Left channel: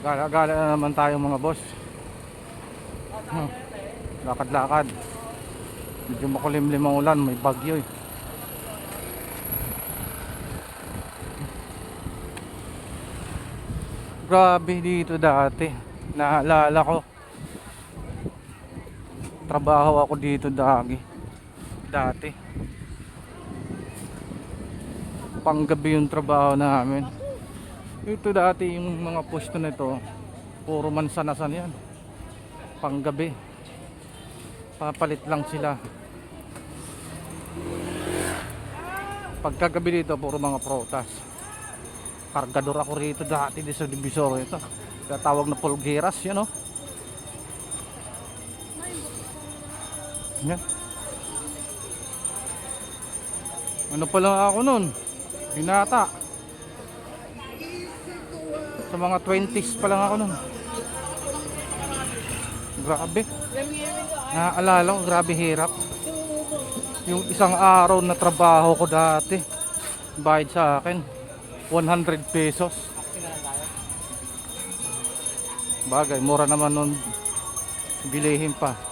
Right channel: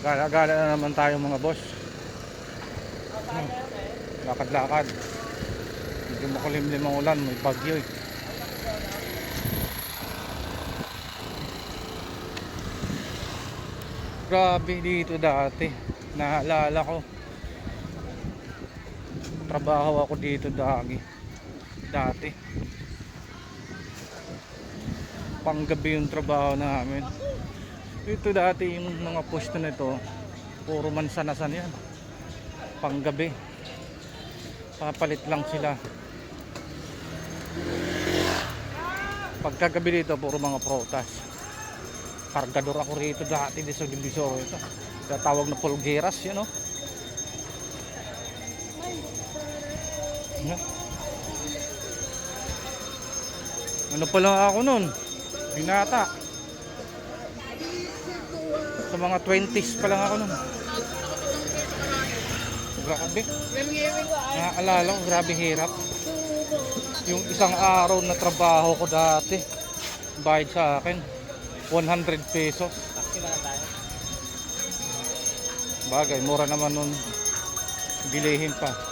Gala-gala na naman tayo mga boss. Lakad-lakad. Medyo makulimlim ang ulan, may bagyo eh. Grabe dito dati. Naalala ko. Trabaho ako dito dati. Panggabi yung trabaho namin. Ito dati yung mga pwesto nito, puro mansanasan yan. Panggabi. Papalit lang sila. Pagkagabi dito, puro mga protas. Kargador ako rito dati di sa Divisoria ito. Tatawag na Pulgueras, yun o. Yan. Ano pa lang ako nun? Binata. Sa mga 20s pa lang ako nun. Grabe. Naaalala ko, grabe hirap. Yung isang araw na trabaho ko dati, bayad sa akin 100 pesos. Bagay, mura naman nun. Bilihin pa.